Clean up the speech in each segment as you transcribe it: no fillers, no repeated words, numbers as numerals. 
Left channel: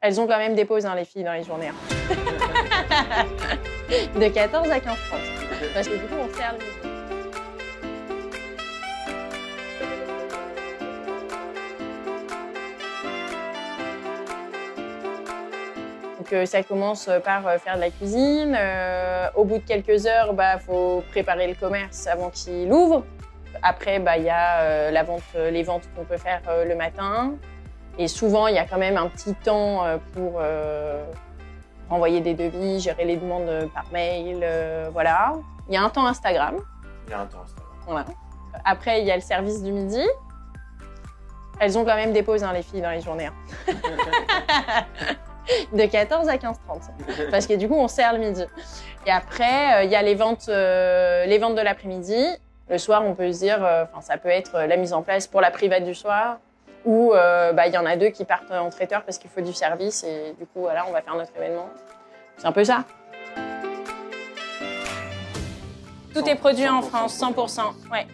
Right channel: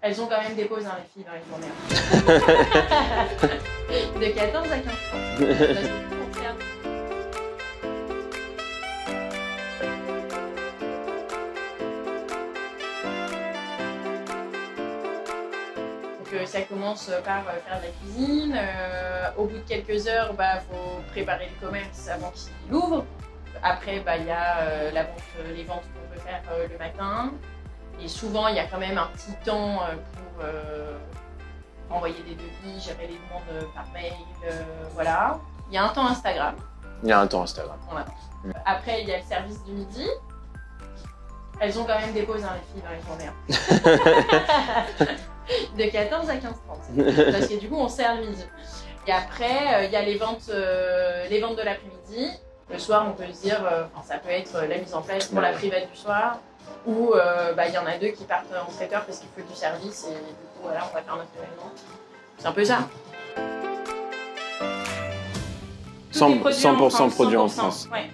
Elles ont quand même des pauses, hein, les filles, dans les journées. Hein. De 14 à 15h30. Parce que du coup, on sert. Donc, ça commence par faire de la cuisine. Au bout de quelques heures, faut préparer le commerce avant qu'il ouvre. Après, il y a les ventes qu'on peut faire le matin. Et souvent, il y a quand même un petit temps pour envoyer des devis, gérer les demandes par mail, voilà. Il y a un temps Instagram. Il y a un temps Instagram. Ouais. Après, il y a le service du midi. Elles ont quand même des pauses, hein, les filles, dans les journées. Hein. De 14 à 15h30. Parce que du coup, on sert le midi. Et après, il y a les ventes de l'après-midi. Le soir, on peut se dire, ça peut être la mise en place pour la private du soir. Ou il y en a deux qui partent en traiteur parce qu'il faut du service et du coup voilà, on va faire notre événement. C'est un peu ça. Tout est produit en France, 100%. Ouais.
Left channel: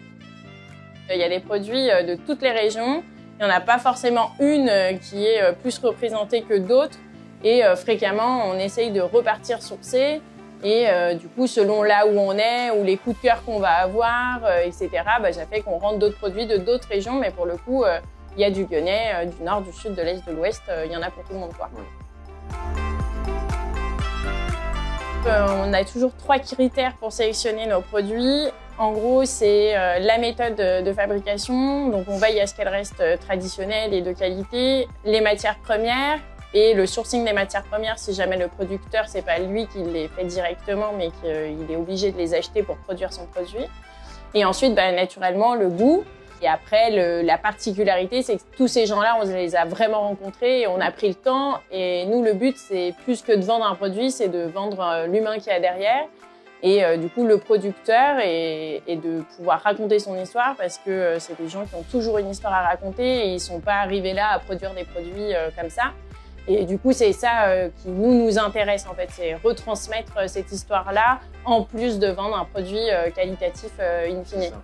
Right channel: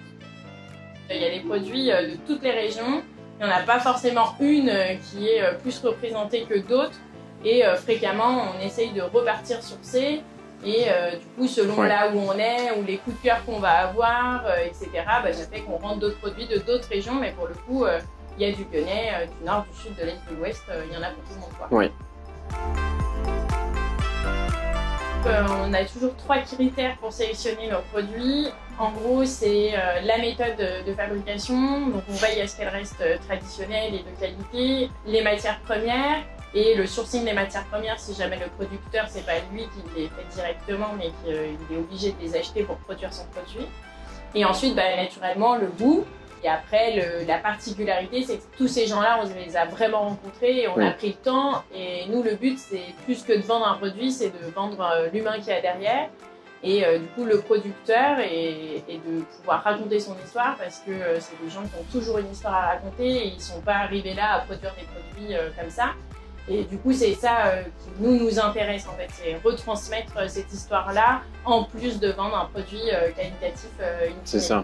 Il y a des produits de toutes les régions. Il n'y en a pas forcément une qui est plus représentée que d'autres. Et fréquemment, on essaye de repartir sur C. Et du coup, selon là où on est, ou les coups de cœur qu'on va avoir, etc., ça fait qu'on rentre d'autres produits de d'autres régions. Mais pour le coup, il y a du Lyonnais, du nord, du sud, de l'est, de l'ouest, il y en a pour tout le monde, quoi. Oui. On a toujours 3 critères pour sélectionner nos produits. En gros, c'est la méthode de fabrication. Donc, on veille à ce qu'elle reste traditionnelle et de qualité. Les matières premières et le sourcing des matières premières, si jamais le producteur, c'est pas lui qui les fait directement, mais qu'il est obligé de les acheter pour produire son produit. Et ensuite, naturellement, le goût. Et après, la particularité, c'est que tous ces gens-là, on les a vraiment rencontrés et on a pris le temps. Et nous, le but, c'est plus que de vendre un produit, c'est de vendre l'humain qu'il y a derrière. Et du coup, le producteur et de pouvoir raconter son histoire parce que c'est des gens qui ont toujours une histoire à raconter et ils ne sont pas arrivés là à produire des produits comme ça. Et du coup, c'est ça qui nous intéresse en fait, c'est retransmettre cette histoire-là en plus de vendre un produit qualitatif in fine. C'est ça.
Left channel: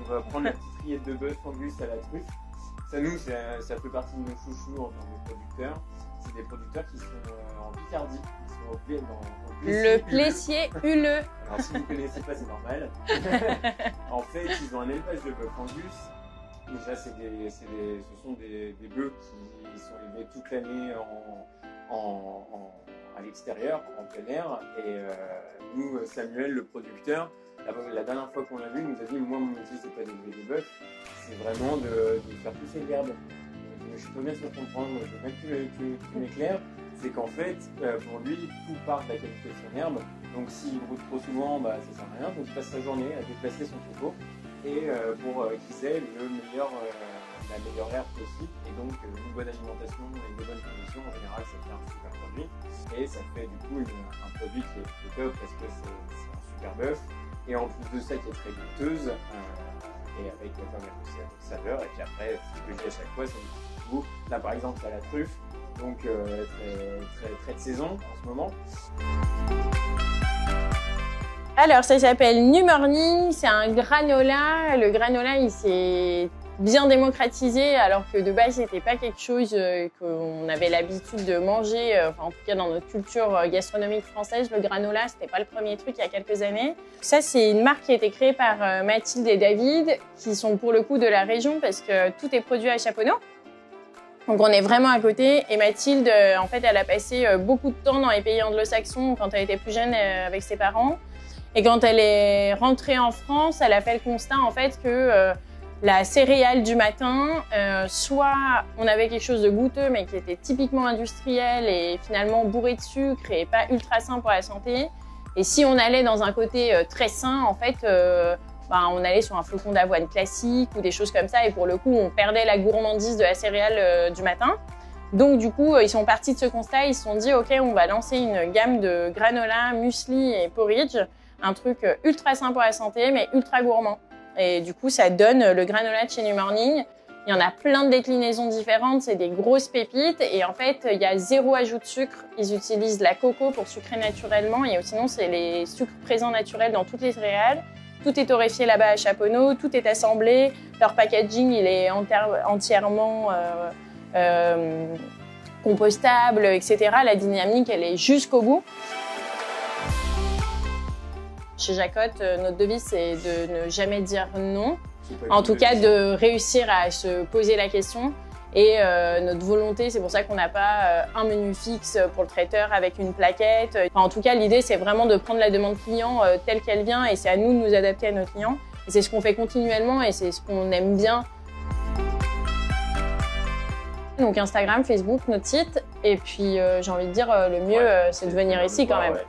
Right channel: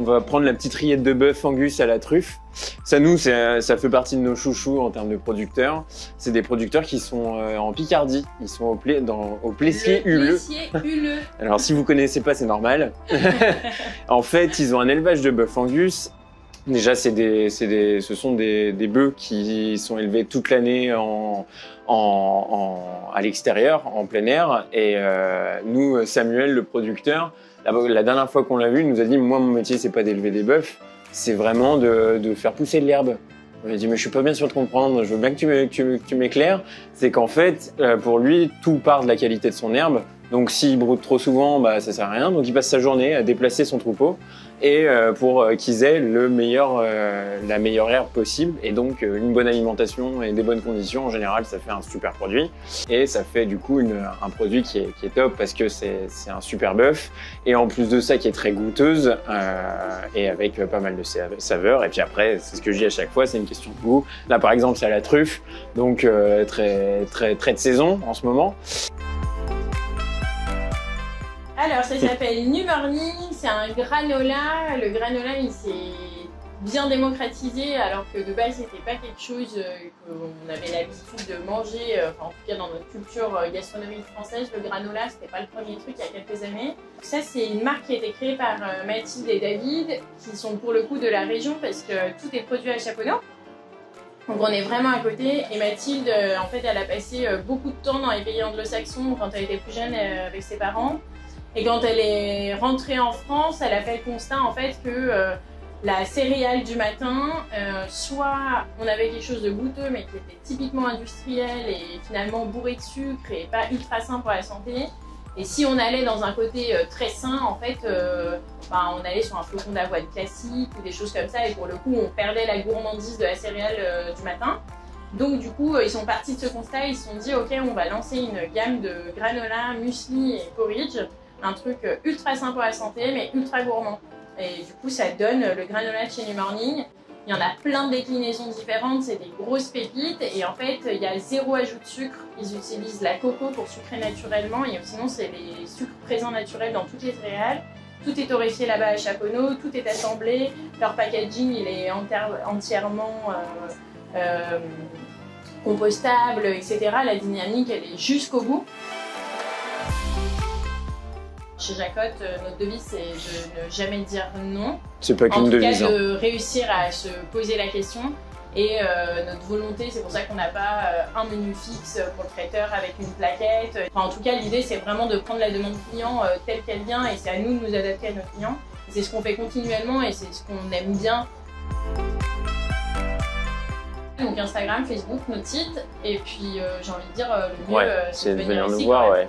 On va prendre la petite rillette de bœuf Angus à la truffe. Ça, nous, ça fait partie de nos chouchous en termes de producteurs. C'est des producteurs qui sont en Picardie. Ils sont au Plessier-Huleux. Plessier-Huleux. Alors, si vous ne connaissez pas, c'est normal. En fait, ils ont un élevage de bœuf Angus. Déjà, ce sont des bœufs qui sont élevés toute l'année à l'extérieur, en plein air. Et nous, Samuel, le producteur, la dernière fois qu'on l'a vu, il nous a dit « Moi, mon métier, c'est pas d'élever des bœufs, c'est vraiment de faire pousser de l'herbe. » On lui a dit « Mais je suis pas bien sûr de comprendre, je veux bien que tu m'éclaires. » C'est qu'en fait, pour lui, tout part de la qualité de son herbe. Donc, s'il broute trop souvent, ça sert à rien. Donc, il passe sa journée à déplacer son troupeau et pour qu'ils aient la meilleure herbe possible. Et donc, une bonne alimentation et des bonnes conditions, en général, ça fait un super produit. Et ça fait du coup un produit qui est top parce que c'est un super bœuf. Et en plus de ça, qui est très goûteuse et avec pas mal de saveurs. Et puis après, c'est ce que je dis à chaque fois, c'est une question de goût. Là, par exemple, c'est à la truffe, donc très de saison en ce moment. Alors, ça s'appelle New Morning, c'est un granola. Le granola, il s'est bien démocratisé, alors que de base, c'était pas quelque chose qu'on avait l'habitude de manger, en tout cas dans notre culture gastronomique française. Le granola, c'était pas le premier truc il y a quelques années. Ça, c'est une marque qui a été créée par Mathilde et David, qui sont pour le coup de la région, parce que tout est produit à Chaponneau. Donc on est vraiment à côté. Et Mathilde, en fait, elle a passé beaucoup de temps dans les pays anglo-saxons quand elle était plus jeune avec ses parents. Et quand elle est rentrée en France, elle a fait le constat en fait que la céréale du matin, soit on avait quelque chose de goûteux mais qui était typiquement industriel et finalement bourré de sucre et pas ultra sain pour la santé. Et si on allait dans un côté très sain, en fait, on allait sur un flocon d'avoine classique ou des choses comme ça. Et pour le coup, on perdait la gourmandise de la céréale du matin. Donc du coup, ils sont partis de ce constat. Ils se sont dit, ok, on va lancer une gamme de granola, muesli et porridge. Un truc ultra sain pour la santé, mais ultra gourmand. Et du coup, ça donne le granola de chez New Morning. Il y en a plein de déclinaisons différentes, c'est des grosses pépites. Et en fait, il y a 0 ajout de sucre. Ils utilisent la coco pour sucrer naturellement. Et sinon, c'est les sucres présents naturels dans toutes les céréales. Tout est torréfié là-bas à Chaponneau, tout est assemblé. Leur packaging, il est entièrement compostable, etc. La dynamique, elle est jusqu'au bout. Chez Jacotte, notre devise, c'est de ne jamais dire non. C'est pas En qu'une tout cas, devise. de réussir à se poser la question. Et notre volonté, c'est pour ça qu'on n'a pas un menu fixe pour le traiteur avec une plaquette. Enfin, en tout cas, l'idée, c'est vraiment de prendre la demande client telle qu'elle vient et c'est à nous de nous adapter à nos clients. Et c'est ce qu'on fait continuellement et c'est ce qu'on aime bien. Donc Instagram, Facebook, notre site. Et puis, j'ai envie de dire, le mieux, c'est de venir ici quand même. Ouais.